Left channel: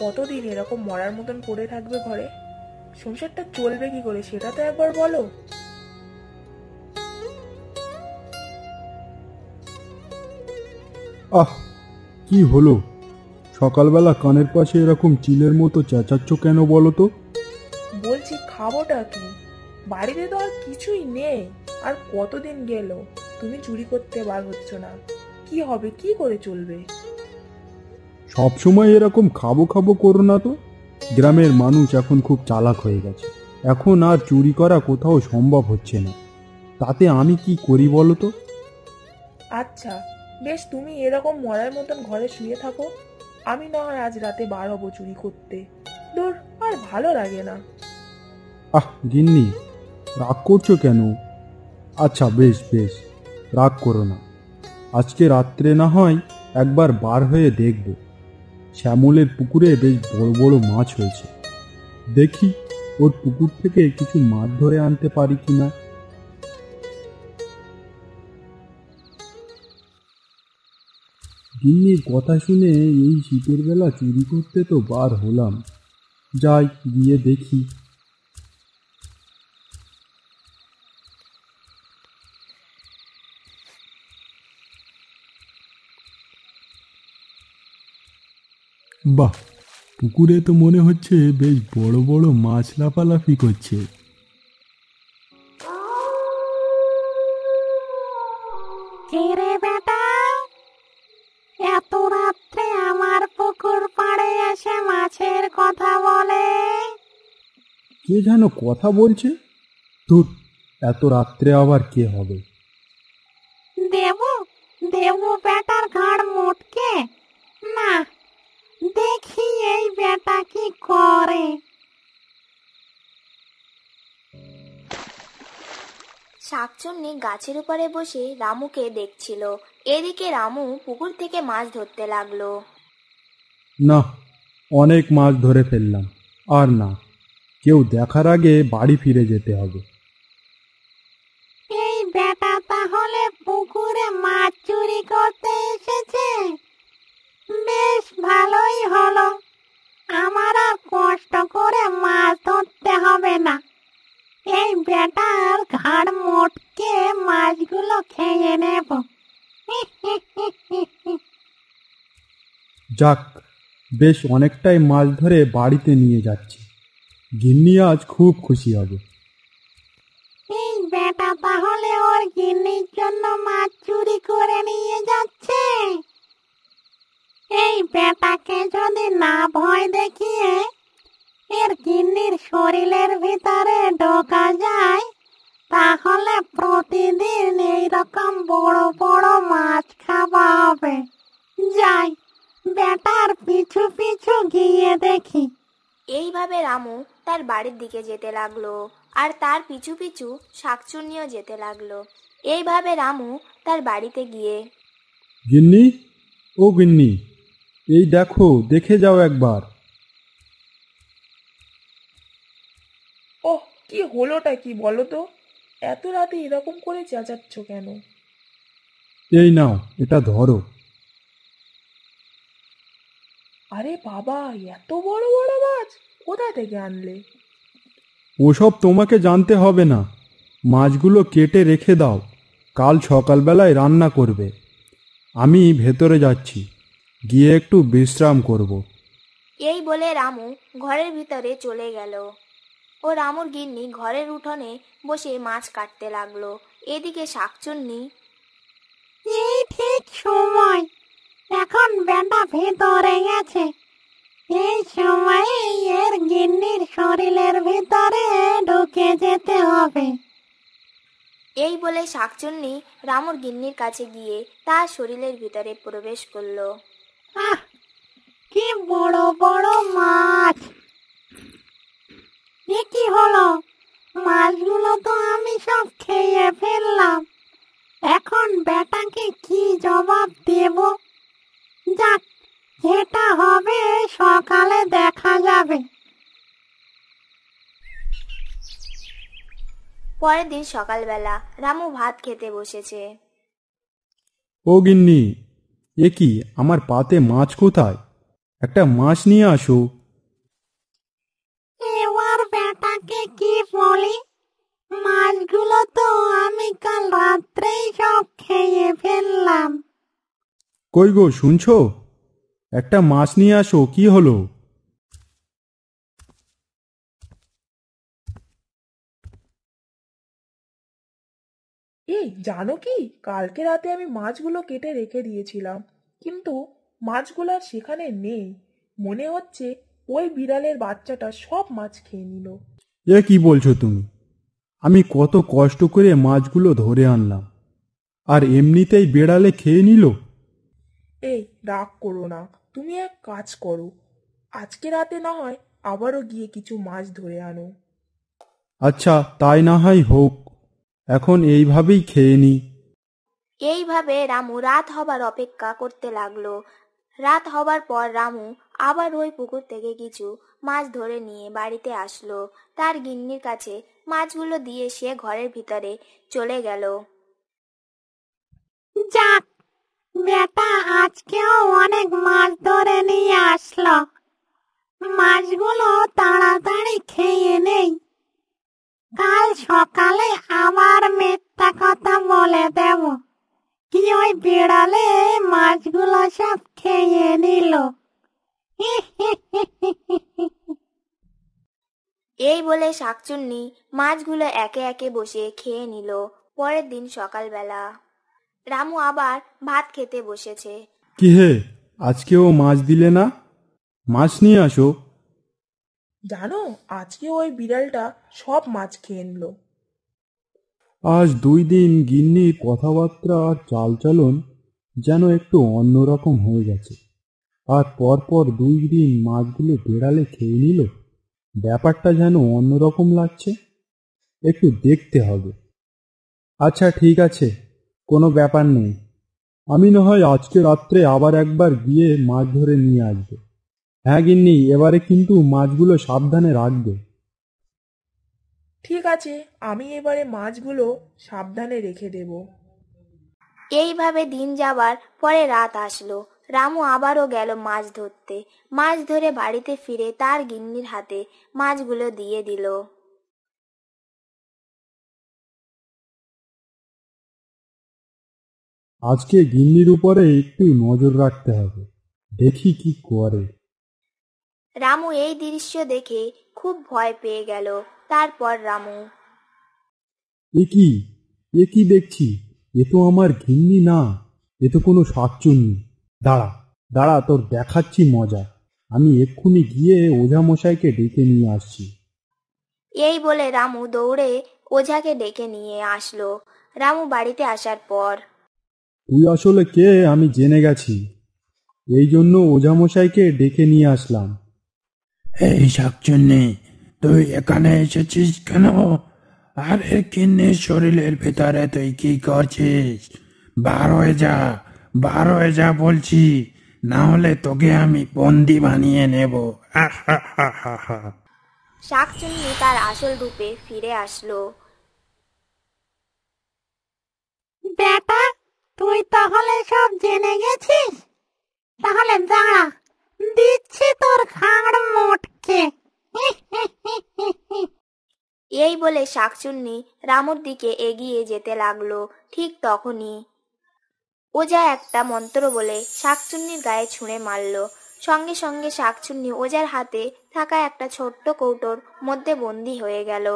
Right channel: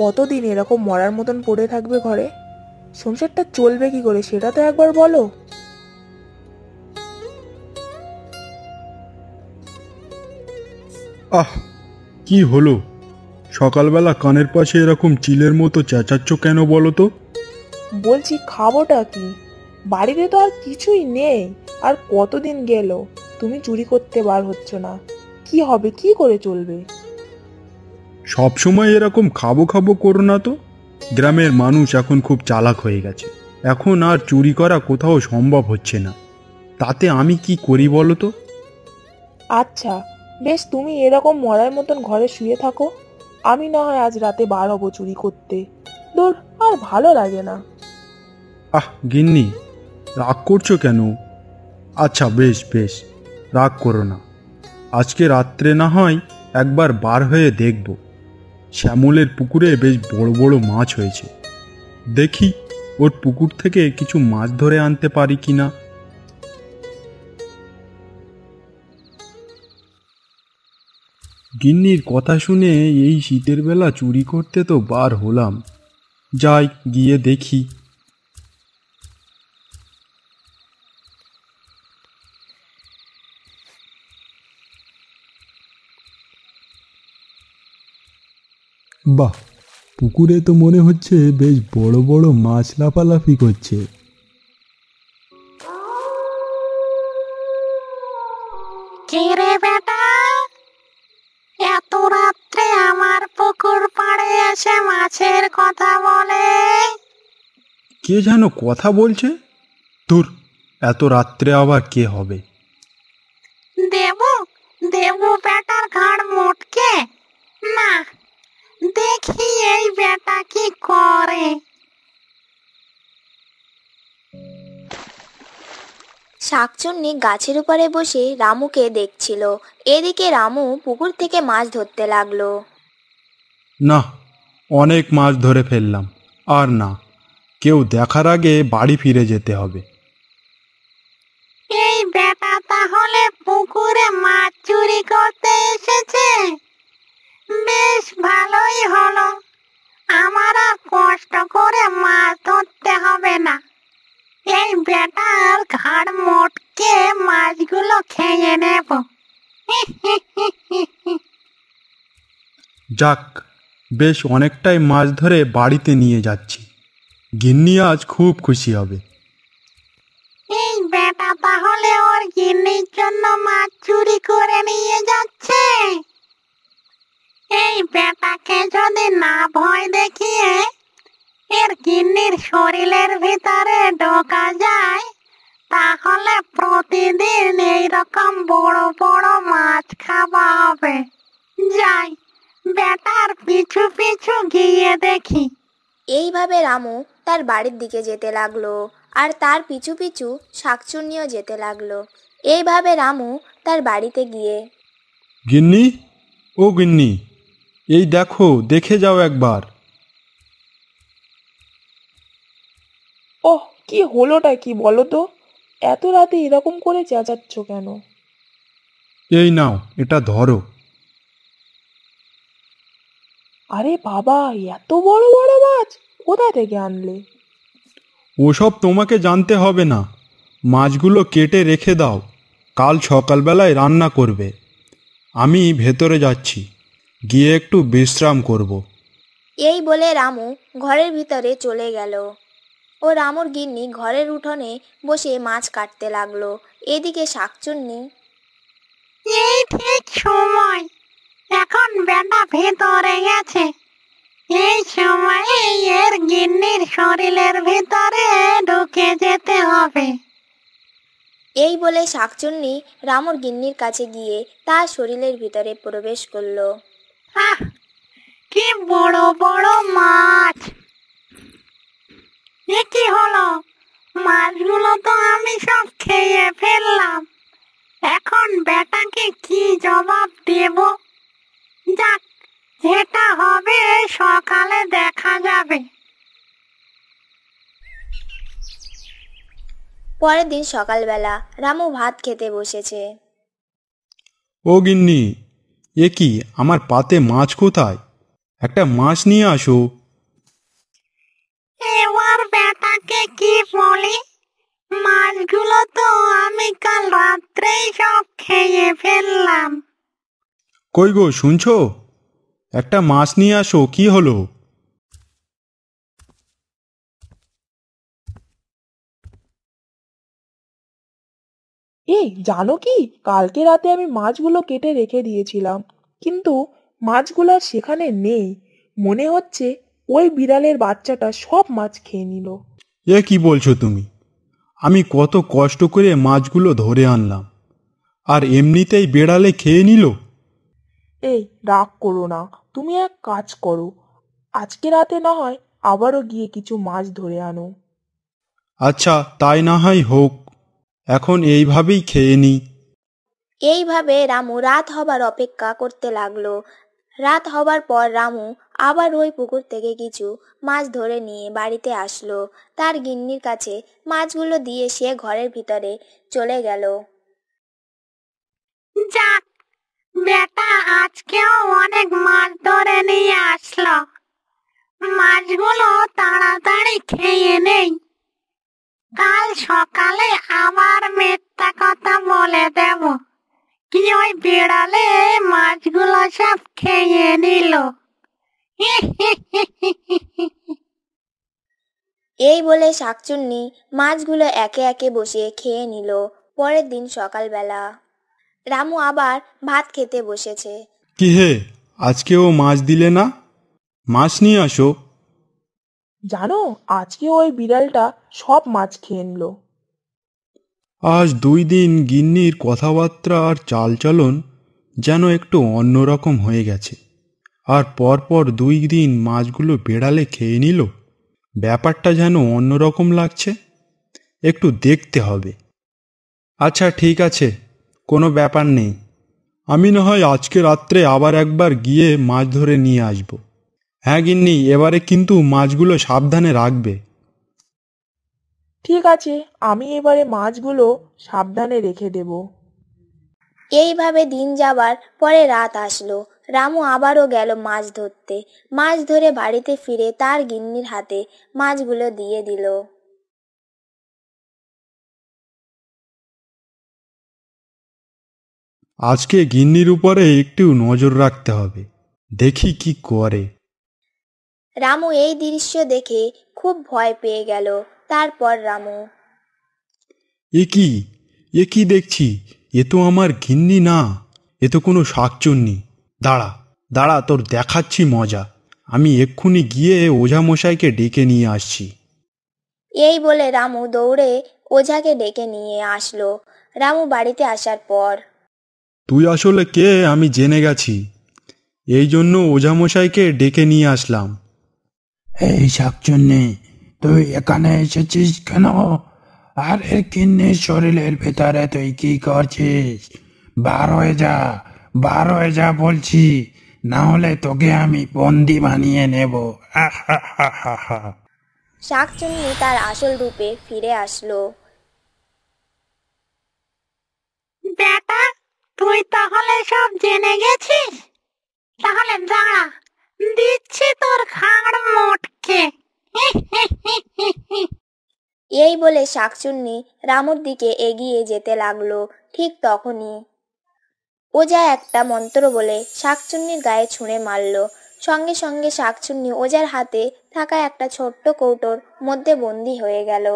কতদিন এরকম মরার মতন পড়ে থাকবে ঘরে? সংসারটা চলবে কি করে সেটা তো একবার বলো। আহ, কি হলো? সকালবেলা কানের পাশে এরকম চিলের মতো চেঁচাচ্ছ কেন বলো তো? বলছি খাবোটা কি? বাড়িতে তো আর কিছুই নেই। আর কতদিন গেল তুমি চুরি করতে বার হচ্ছ না? কি হবে, কি করে চলবে? সব সময় এরকম খাবো খাবো করো না তো। গ্রামের মানুষ এখন খুব চালাক হয়ে গেছে। এখন আর চুরি করা কোথাও সম্ভব হচ্ছে না। তাতে আমি কি করি বলো তো? আচ্ছা, বেশ, তুমি এরকম মরার মতন ঘরে শুয়ে থাকো। আমি না হয় আজ রাতে বার হবো চুরি করতে। দূর, আর ভালো লাগে না। আহ গিন্নি, রাগ করছো কেন? আচ্ছা বেশ বেশ, রাগ করো না। আজকে রাত্রে না হয় একবার বার হয়ে দেখব। শ্যামলের পুকুরে বেশ বড় বড় মাছ হয়েছে। দেখি ওর পুকুর থেকে কিছু মাছ ধরে আনতে পারি কিনা। গিন্নির কথা শুনে এই শীতের বেলা চুরি করতে তো বার হলাম। যাই গিয়ে দেখি। বাহ, পুকুরে তো মনে হচ্ছে বেশ বড় বড় মাছ লাফালাফি করছে। কে রে বেটা, এত রাত্রে আমার পুকুর পাড়ে এসে মাছের কথা বলে? কে যেন কথা বলছে? তোর এত রাত্রে আবার কে হবে? দেব দেব বেটার ঘাড় মোটকে? না, দেখি এই বেটা কি করে। শাকচুন্নি গাছের উপরে বসে রামুকে দেখছিল। এদিকে রামু পুকুর থেকে মাছ ধরতে লাগলো। না, অনেক মাছ ধরে ফেললাম। আর না, কেউ দেখার আগে বাড়ি ফিরে যেতে হবে। এই বেটা তাহলে পুকুরে মাছ চুরি করতে এসেছে? বেশ ভালোই হলো, আমার আর কষ্ট করে মাছ ধরতে হবে না। এই বেটার ঘাড় মোটকে মাছগুলো খেয়ে নেব। যাক, বেশ অনেকটাই মাছ ধরে বাড়িতে নিয়ে যাচ্ছি। গিন্নি আজ খুব খুশি হবে। এই বেটা তাহলে ওর গিন্নির জন্য মাছ চুরি করে নিয়ে যাচ্ছে। এই বেটাকে যদি না ভয় দেখিয়ে এর গিন্নির শরীরের ভিতরে ঢোকা যায়, তাহলে প্রতিদিন এইরকম বড় বড় মাছ খাওয়া হবে। যাই, বেটার পিছু পিছু গিয়ে দেখি। এইভাবে রামু তার বাড়ির দিকে যেতে লাগলো, আর তার পিছু পিছু শাকচুন্নিও যেতে লাগলো। এইভাবে রামু তার বাড়িতে গিয়ে, গিন্নি, ও গিন্নি, এই দেখো, দেখে যাও একবার। ওহ, কি হলোটা কি বলো তো? এত রাতে এরকম করে চেঁচাচ্ছ কেন? এই নাও, এটা ধরো। আরে বাবা, এত বড় বড় মাছ কোথা থেকে আনলে? ওসব তোমাকে জানতে হবে না। মাছগুলো কেটে রেখে দাও, কাল সকালবেলায় রান্না করবে। আমি ভেতরে যাচ্ছি, গিয়ে একটু বিশ্রাম করব। এই বলে রামু ঘরের ভিতরে চলে গেল। ও রামুর গিন্নি ঘরের উঠোনে বসে মাছ কাটতে লাগলো। এদিকে শাকচুন্নি, এই ঠিক সময়, এখন বেটা ভেতরে গেছে। এই সময়ে এর গিন্নির শরীরের ভিতরে ঢুকে যেতে হবে। এই বলে শাকচুন্নি রামুর গিন্নির কাছে গিয়ে তার শরীরের ভিতরে প্রবেশ করলো। আহ, কি বড় বড় মাছ! এ কি হলো? মাছগুলো তো আমি সব খেয়ে ফেললাম। এখন বেটাকে কি জবাব দেব? যাক, যেটা হবে সকালে দেখা যাবে। পরের দিন সকালবেলা রামু ভাত খেতে বসেছে। ও গিন্নি, এ কি, আমার পাতে মাছ কোথায়? একটা মাছ নিয়ে আসো। এবার বেটাকে কি বলি? মাছগুলো তো আমি কাল রাত্রেই সব খেয়ে ফেললাম। কই গো, শুনছো? একটা মাছ নিয়ে আসো, কি হলো? এই জানো কি, কালকে রাতে আমি মাছগুলো কেটে রেখে দিয়েছিলাম, কিন্তু মাছগুলো আর সেখানে নেই। মনে হচ্ছে ওই বিড়ালের বাচ্চাটা সব মাছ খেয়ে নিল। এ কি বলছো তুমি? আমি কত কষ্ট করে মাছগুলো ধরে আনলাম, আর এমনিতেই বেড়ালে খেয়ে নিল? এই রাগ করো না, তুমি এক কাজ করো, আজকে রাতে না হয় আবারও গিয়ে কিছু মাছ ধরে আনো। আচ্ছা, তাই না হয় হোক, এখন এইভাবেই খেয়ে নি। এইভাবে রামু রাত হবার অপেক্ষা করতে লাগলো। রাত হবার পর রামু আবার ওই পুকুর থেকে কিছু মাছ ধরে নিয়ে বাড়িতে আসলো। তার গিন্নির কাছে মাছগুলো দিয়ে সে ঘরের ভিতরে চলে গেল। যাক, বেটা আজকেও অনেক মাছ ধরে নিয়ে আসলো। মাছগুলো তাড়াতাড়ি খেয়ে নেই, কাল সকালে আবার মিথ্যা কথা বলে দেব কি ওই বিড়ালে মাছগুলো সব খেয়ে নিল। এই বলে শাকচুন্নি মাছগুলো একে একে বসে খেয়ে নিল। পরের দিন সকালবেলা রামু আবার ভাত খেতে বসেছে। কি হে, আজকেও মাছ দিলে না? মাছ নিয়ে আসো। জানো, আজকে ওই বিড়ালটা সব মাছ খেয়ে নিল। আজ 2 দিন গিন্নির কথাবার্তা আর চালচলন যেন একটু অন্যরকম হয়ে গেছে, আর পরপর 2 দিন মাছগুলো বেড়ালে খেয়ে নিল। ব্যাপারটা যেন অন্যরকম লাগছে, একটু দেখতে হবে। আচ্ছা ঠিক আছে, কোনো ব্যাপার নেই, আমি না হয় আজকে রাত্রে আবার একবার গিয়ে মাছ ধরে নিয়ে আসব। হ্যাঁ গিন্নি, এবারে কিন্তু মাছগুলো সাবধানে রাখবে। ঠিক আছে, আমি এবারে মাছগুলো সাবধানে রেখে দেব। এইভাবে দিন যাবার পরে রাত আসলো। রামু আবারও গেল মাছ ধরতে। মাছ ধরে বাড়িতে ফিরে তার গিন্নির হাতে মাছগুলো দিয়ে দিল। আজকে গিন্নির উপরে একটু নজর রাখতে হবে, দেখি কি করে। রামু এই দৃশ্য দেখে খুব ভয় পেয়ে গেল। তারপর রামু এ কি, এ কি দেখছি? এ তো আমার গিন্নি না, এ তো কোনো শাকচুন্নি। দাঁড়া দাঁড়া, তোর দেখাচ্ছি মজা। আমি এক্ষুনি গিয়ে ওঝা মশাইকে ডেকে নিয়ে আসছি। এই বলে রামু দৌড়ে ওঝাকে ডেকে নিয়ে আসলো। রামু বাড়িতে আসার পর তুই আসলে কে আমি জেনে গেছি, এই জন্য ওঝা মশাইকে ডেকে নিয়ে আসলাম। এই শাকচুন্নি, তুই এখানে এসেছিস কেন? আর এর কিন্নির শরীরের ভেতরে তুই কি করছিস? বার হয়ে যা, বার হয়ে যা বলছি, না হলে তোকে আমি বন্দি বানিয়ে নেব। হা হা হা হা হা। শাকচুন্নি তার আসল রূপে ফিরে আসলো। বেটা, তুই তাহলে সব জেনে গেছিস? তাহলে দাঁড়া, দিচ্ছি তোর ঘাড় মোটকে। এই বলে শাকচুন্নি রামুর দিকে এগিয়ে যেতে লাগলো। ঠিক তখনই ওঝা একটা মন্ত্র বলে শাকচুন্নির গায়ে ছুঁড়ে মারলো। সঙ্গে সঙ্গে শাকচুন্নি ওঝার হাতে থাকা একটা ছোট্ট কৌটোর মধ্যে বন্দী হয়ে গেল।